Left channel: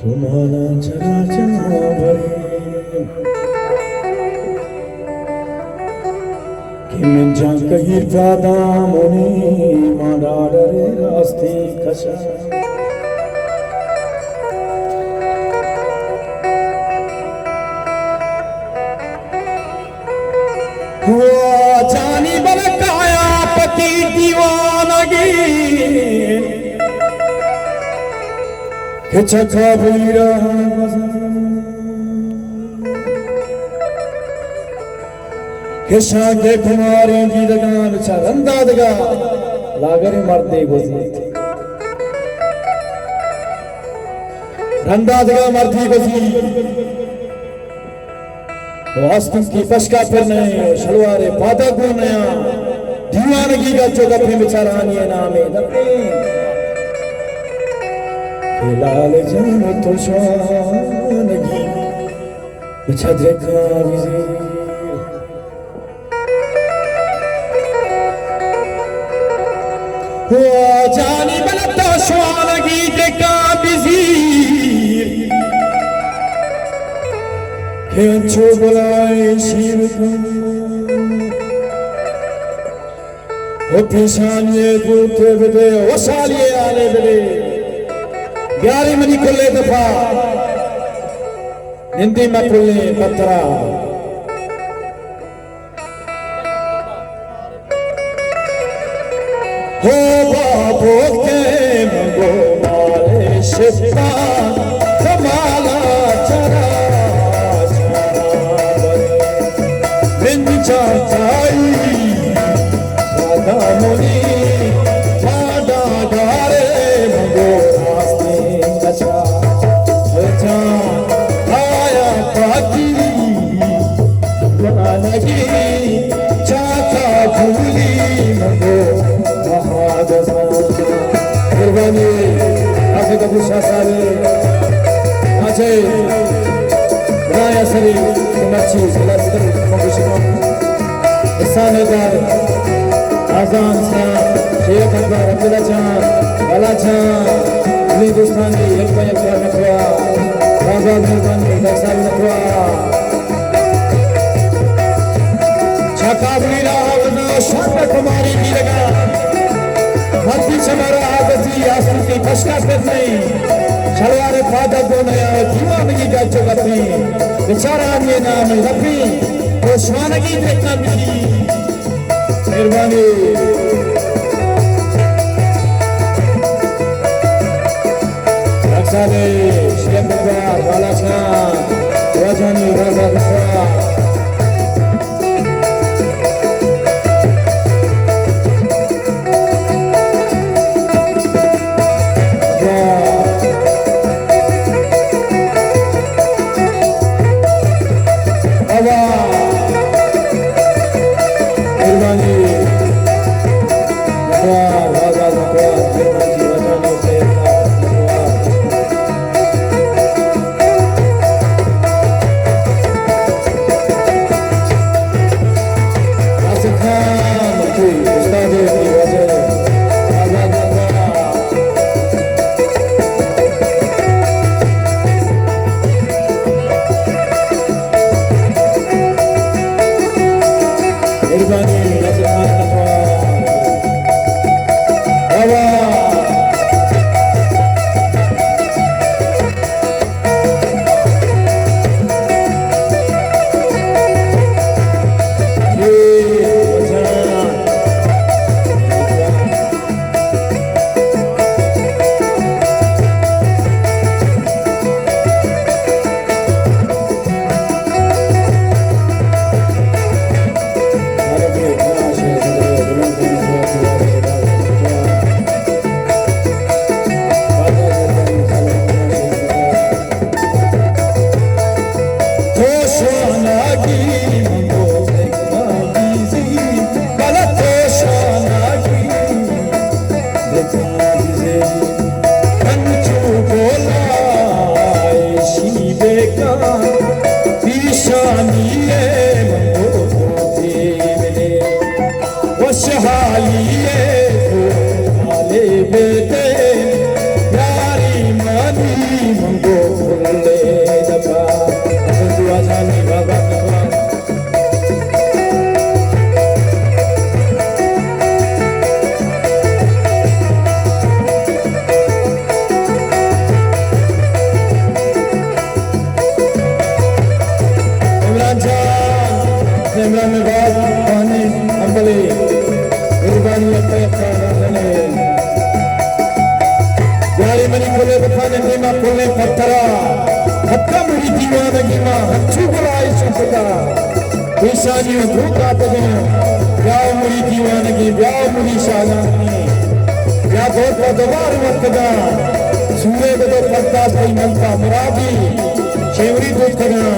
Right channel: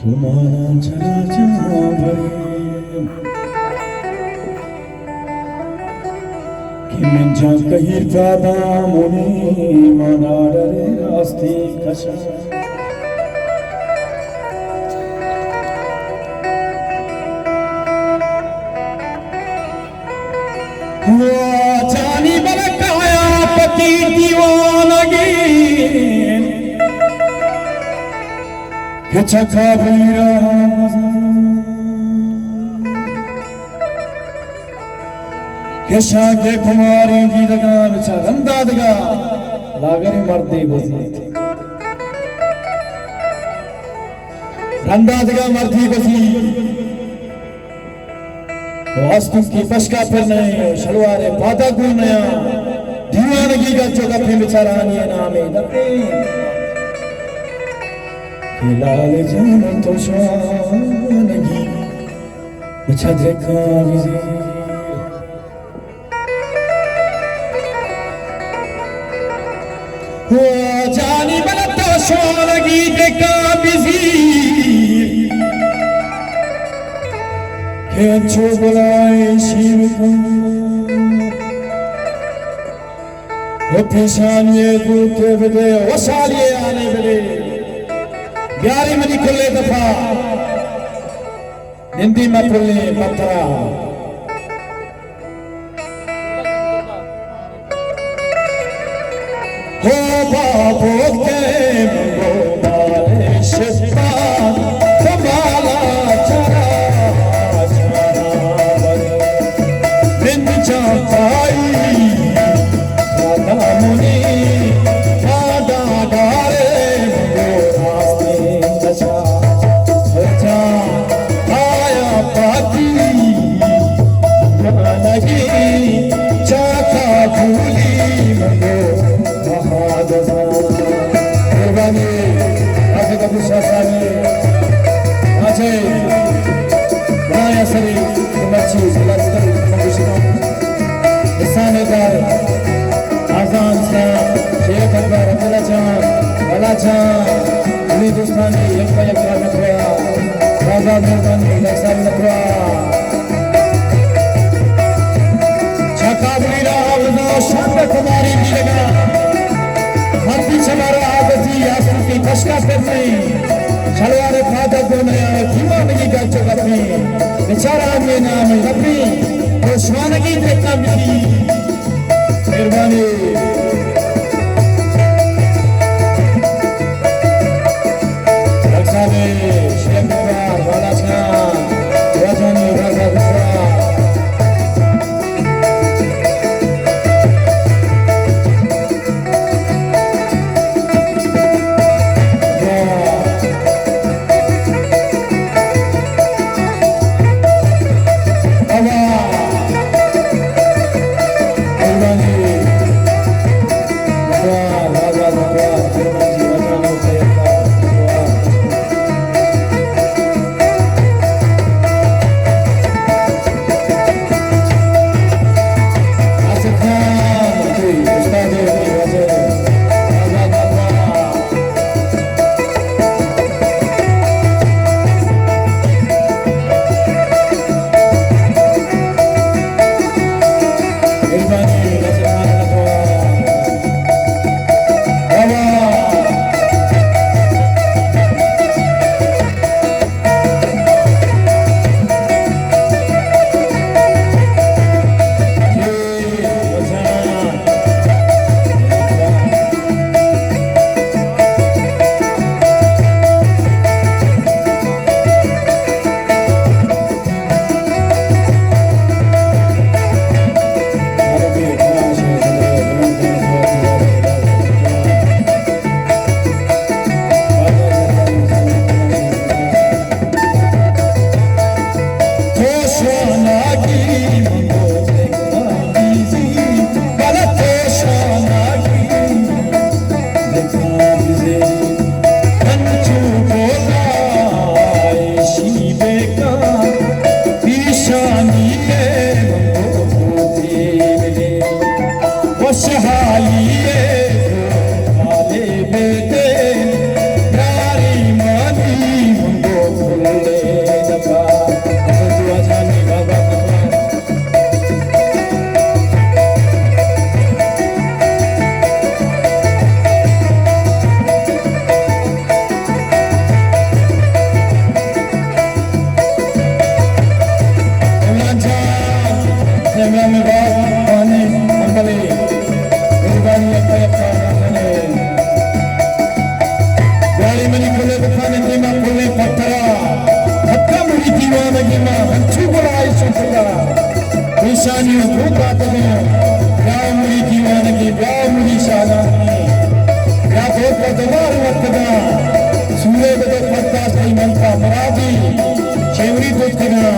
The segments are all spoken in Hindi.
तुम्हारा चला कि मैं जा कहीं ज्यादा मोने मादार रास्ते कशा वो जानी बलकाया पति दीवानगी कचका बुरा शागे कुमारी की दगान रंदा दगा लागर मरते गोसी रंदा दगा मरती गोसी वास्तव की पशका फिर नहीं शलवारे पादा को नया दीवानगी का चौका फिर बेचारा आनी नाम है दबे लाल जान तो शानगी बिछा देखा विज़ी वो जानी बलता शानगी देखा विज़ी के अच्छो बुलाए शिव को वो पेशानिये दूते बदे वो सालिये आने बदे ग्यारी मनी कुल्ले दफा हिंदी में कुल्ले पत्रा हो बाबू के मंगो मारे शिपा कमाला चरा बिन चाई राधा मुनि दादा दारे मंगो रास्ते कचा कचा आया पाकी जानगी चाका झूली मंगो Aku tak bisa sari, macam mana sari kemaci selaskan mengusaha. Isane dar, azan sa, Syekh Akbar Abdullah Jan, Bala Jan, ini Hindustani yang banyak nakwa, Azad Harmani Naksari nakwa. Chakabli rawana shanda kumari ki lagna. मर्दी चमारा आगती आसन की फसका करती शलवारे फादा को नया दीवानगी का चुगती बेचारा के नाम रखी तो स्वानगी देखना मिली मेहरबानी रक्षा ने शिलंगा वाला खान राजानी राजा रक्षा बेटे प्यारी मानी हमको भूले दफा दुआ जाने बाबा Semua membawa wani ambali berbani apa nane dari mani kule bukane nima kule patara hakka muri diwana nima hanchu bulai chuntuga isani juga tago ya muri diwana ki ya muri shalani ya dhota dabar matga sure bade patta sai manta muradi chevri dhotna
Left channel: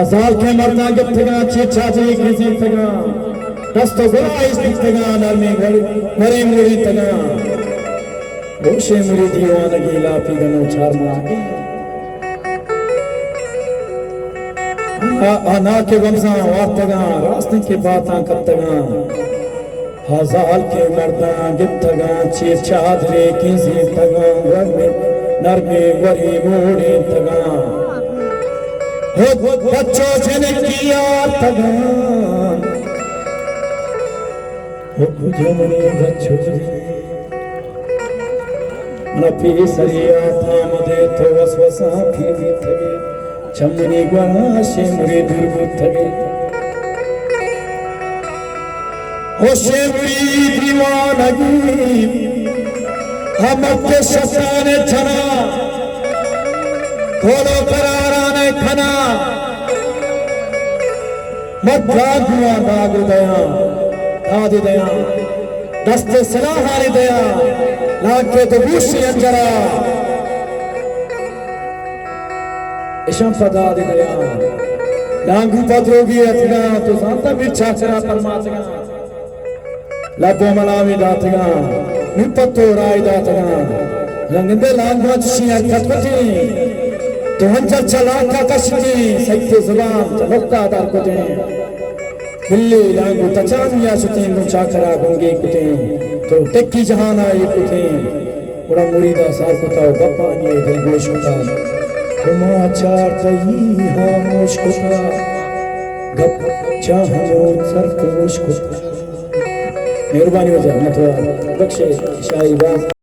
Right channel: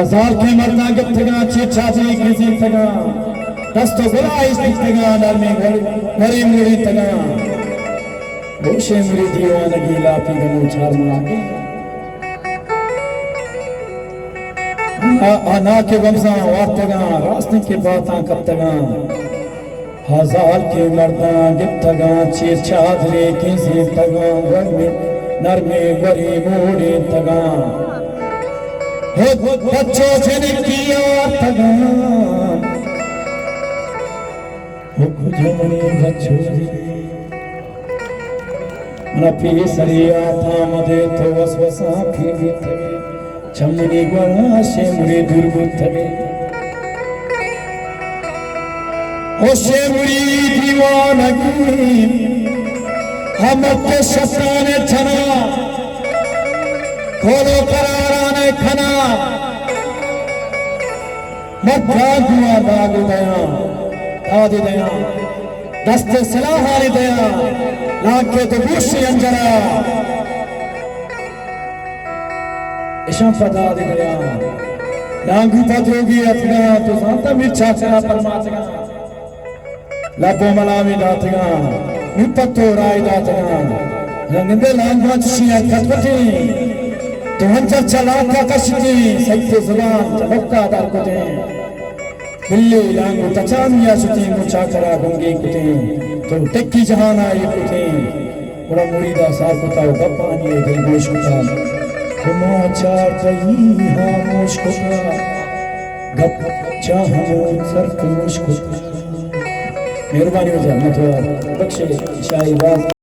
Azal ke marna gittiga chichaji kizi taga dasto gula istiga narme gari muri taga Boshe muri diwana gila pidano charma ana ke gamza wartaga rasti ke bata kattaga Azal ke marna gittiga chichaji kizi taga narme gari muri taga बच्चों से किया तगा बच्चों नफी सरिया थाम दे तो वसवसा फिर चमनी गणा से मुरे दुर्बुद्धे ओ से मुरी दीवानगी हम के शस्त्राने छना खोलो कराराने खना मध्या गुआ दाग दया आदि दया दस्ते सलाहारी दया लाके तो दूसरी अंजरा इशम पदा दे दया लांगू पदरोगी अथना तो सांता मिच्छा चला परमात्मा लापो मलामी दातगा निपत्तो राय दातगा रंगंदे लांगवा चिया कटकटे तो हंचा चला का कशनी सत्य जुबान चमकता दार कुते बिल्ली लांगू तचामिया सुते मुचा करा गंगे कुते तो टेक्की जहाना ये कुते पूरा मुरीदा साफ होता गप्पानी दिल गोश होता समाचार कही खामोश होता गप चाहो सरकोश होता मेहरबानी हो जाए मतलब बख्शे शाही बात